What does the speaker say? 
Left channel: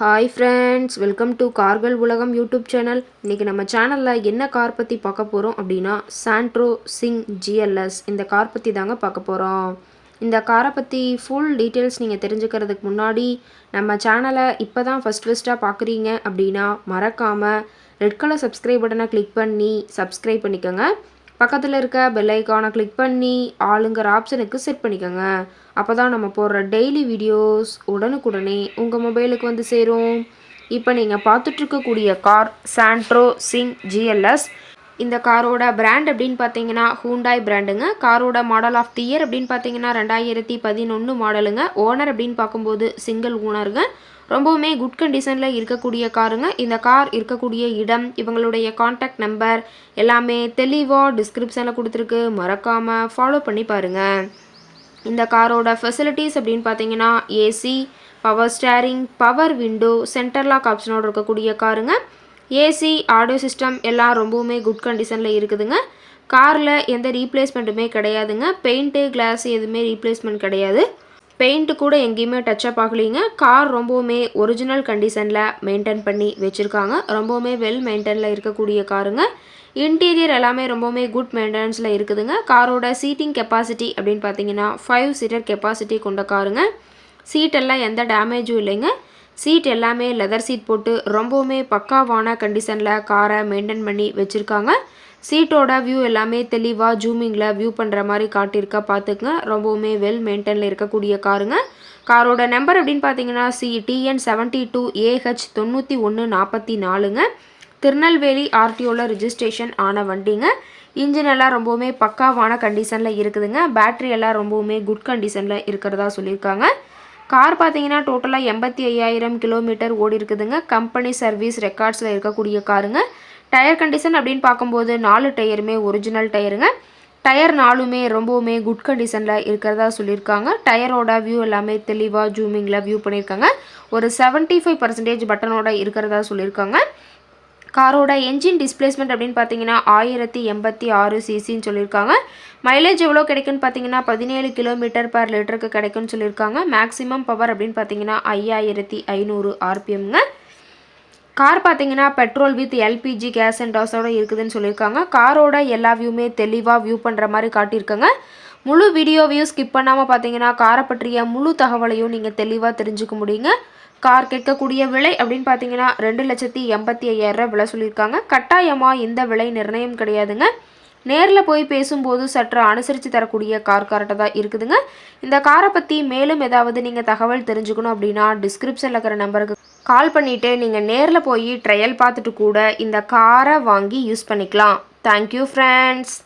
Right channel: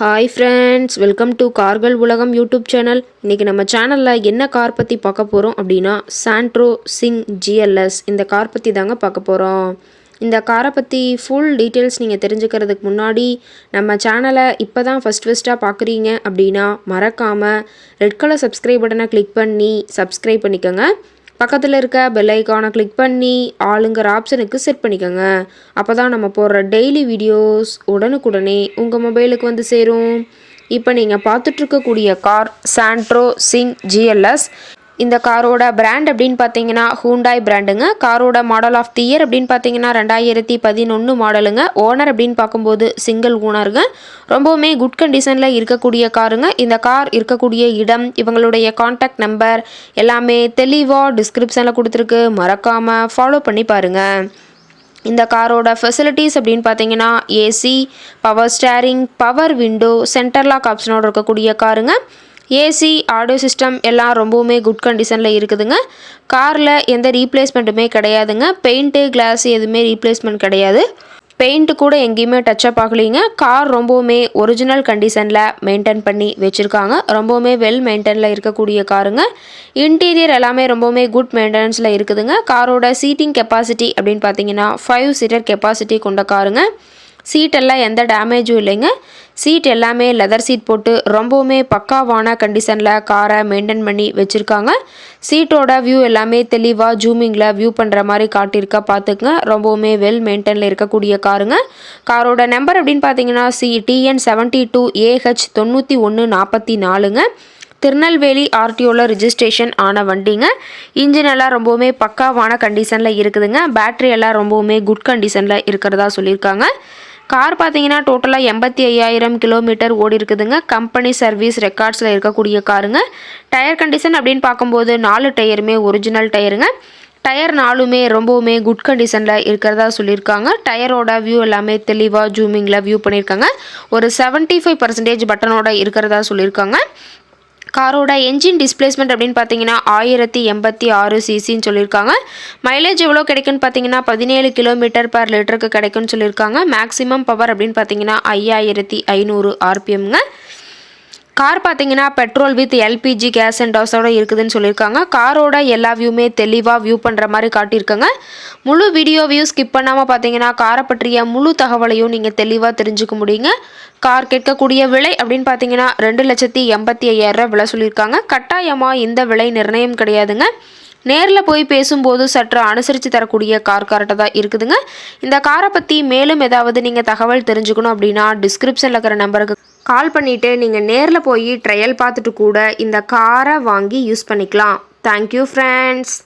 Hi friends, welcome to கார்கள் உலகம் YouTube channel. இன்றைக்கி நம்ம சேனலில் என்ன கார் பற்றி பார்க்க போகிறோம் அப்படின்னா சாண்ட்ரோ சிங் ஜிஎல்எஸ் இந்த கார் பற்றி தாங்க பார்க்க போகிறோம். இந்த காரை பற்றி ஃபுல் டீட்டெயில்ஸ் நீங்கள் தெரிஞ்சுக்கிறதுக்கு முன்னாடி நம்ம சேனலை இப்போ தான் ஃபஸ்ட்டாக பார்க்குறீங்க அப்படின்னா மறக்காமல் ரெட் கலர் சப்ஸ்கிரைப் பட்டனை கிளிக் பண்ணி சப்ஸ்கிரைப் பண்ணிக்கோங்க. பக்கத்தில் இருக்க பெல் ஐக்கானை கிளிக் பண்ணி ஆளுங்கிற ஆப்ஷனுக்கு செட் பண்ணிக்கோங்க. அப்போ தான் நம்ம போடுற டெய்லி வீடியோஸ் உடனுக்குடனே உங்கள் மொபைலுக்கு வந்து சேரும். இப்போ நீங்கள் பார்த்துட்ருக்கக்கூடிய கார் சாண்ட்ரோ சிங் ஜிஎல்எஸ். இந்த காரோட பிராண்ட் அப்படின்னு பார்த்தீங்கன்னா ஹூண்டாய் பிராண்டுங்க. காரோட மாடல் ஆஃப் தி இயர் அப்படின்னு பார்த்தீங்கன்னா 2011 மாடலுங்க. ஓனர் அப்படின்னு பார்க்கும்போது சிங்கிள் ஓனருங்க. ரொம்பவுமே குட் கண்டிஷனில் இருக்கக்கூடிய காருங்க. இந்த கார் இருக்கக்கூடிய இடம், இவங்களுடைய காண்டாக்ட் நம்பர் எல்லாமே தெளிவாக டிஸ்கிரிப்ஷனில் கொடுத்துருக்கு. மறக்காமல் ஃபாலோ பண்ணி பாருங்கள். இந்த காரோட ஃபெசிலிட்டிஸ் அப்படின்னு பார்த்தீங்கன்னா AC, power steering, power window, centre lock ஆப்ஷனோடு இருக்கக்கூடிய காருங்க. ஏசி, ஆடியோ சிஸ்டம் எல்லாம் ரொம்பவுமே குட் கண்டிஷனில் இருக்குதுங்க. காரில் எந்த ரீப்ளேஸ்மெண்ட்டுமே கிடையாதுங்க. பெயிண்ட்டு, கிளாஸ் எதுவுமே ரீப்ளேஸ்மெண்ட் கிடையாது. பெயிண்ட்டு கூட எங்கேயுமே டச்சப் ஆகலைங்க. கார் ரொம்பவுமே ஒரிஜினல் கண்டிஷனில் மெயின்டைன் பண்ணி வச்சுருக்காங்க. ரொம்பவுமே வெல் மெயின்டைனில் இருக்கக்கூடிய காருங்க. இன்டீரியர் எல்லாமே ரொம்பவுமே குட் மெயின்டெனன்ஸில் இருக்குதுங்க. காரோட சீட்டிங் கெப்பாசிட்டி அப்படின்னு பார்த்தீங்கன்னா 5 சீட்டர் கெப்பாசிட்டி கொண்ட காருங்க. சீட்டெல்லாம் எந்த டேமேஜும் இல்லைங்க. சீட் எல்லாமே லெதர் சீட் போட்டு ரொம்பவுமே பக்காவான கண்டிஷனில் காரை மெயின்டைன் பண்ணி வச்சுருக்காங்க. சீட்டோட வியூ எல்லாமே தெளிவாக ஜூமிங்கில் வியூ பண்ணுற மாதிரி காட்டியிருக்கா பார்த்துக்குங்க. ரொம்பவுமே வெல் மெயின்டைனில் இருக்கக்கூடிய காருங்க. காரோட நம்பர் அப்படின்னு பார்த்தீங்கன்னா TN 72AH 9144ங்க. திருநெல்வேலி ஆர்டிஓவில் ரிஜிஸ்ட்ரேஷன் ஆன வண்டிங்க. இன்ஜின் எல்லாம் ரொம்பவுமே பக்காவான கண்டிஷனில் இருக்குதுங்க. பேட்ரி எல்லாம் ரொம்பவுமே குட் கண்டிஷனில் இருக்கிறதா சொல்லியிருக்காங்க. கார் பார்த்தீங்கன்னா டோட்டலாக 85,000 கிலோமீட்டர் ஓடி இருக்குதுங்க. கம்பெனி சர்வீஸ் ரெக்கார்ட்ஸில் இருக்கக்கூடிய காருங்க. டயர் கண்டிஷன் அப்படின்னு பார்க்கும்போது 4 டயருமே ஒரிஜினல் டயருங்க. டயர் 4மே ரொம்பவுமே குட் கண்டிஷனில் இருக்கிறதா சொல்லியிருக்காங்க. டயரோட வியூ எல்லாமே தெளிவாக ஜூமிங்கில் வியூ பண்ணியிருக்காங்க. ஒரு 75% பட்டனோட இருக்கிறதா சொல்லியிருக்காங்க. காரோட என்ஜின் டிஸ்பிளேஸ்மெண்ட் அப்படின்னு பார்த்தீங்கன்னா 1086 சிசின்னு சொல்லியிருக்காங்க. மைலேஜ் எவ்வளோ கிடைக்குன்னு பார்த்தீங்கன்னா 17 கிலோமீட்டர் பர் லிட்டருக்கு கிடைக்குன்னு சொல்லியிருக்காங்க. மேக்ஸிமம் பவர் அப்படின்னு பார்த்தீங்கன்னா 5500 RPMங்க. கார் பார்த்தீங்கன்னா petrol with LPG gas and டோஸோட இருக்குதுன்னு சொல்லியிருக்காங்க. காரோட எல்லா வியூமே தெளிவாக வியூ பண்ணுற மாதிரி காட்டியிருக்காங்க. முழு வீடியோவையும் ஸ்கிப் பண்ணாமல் பார்த்தீங்கன்னா காரை பற்றிய முழு தகவலையும் நீங்கள் தெளிவாக தெரிஞ்சுக்க முடியுங்க. கார் கேட்கக்கூடிய விலை அப்படின்னு பார்த்தீங்கன்னா 2,85,000 விலை சொல்லியிருக்காங்க. கட்டாயமாக இந்த விலை நிர்ணயம் கிடையாதுங்க. நேரில் போய் பேசும்போது சற்று அனுசரித்து தரக்கூடிய கார் கரெக்டாக தான் இருக்குதுங்க. இந்த காரை பற்றி மேலும் ஏதாவது நீங்கள் தகவல் தெரிஞ்சுக்கணும் அப்படின்னா டிஸ்கிரிப்ஷனில் இருக்கிற நம்பருக்கு கால் பண்ணிவிட்டு நீங்கள் நேரில் போய் ட்ரையல் பார்த்துட்டு கூட இந்த காரை வாங்கி யூஸ் பண்ணிக்கலாம். Thank you friends.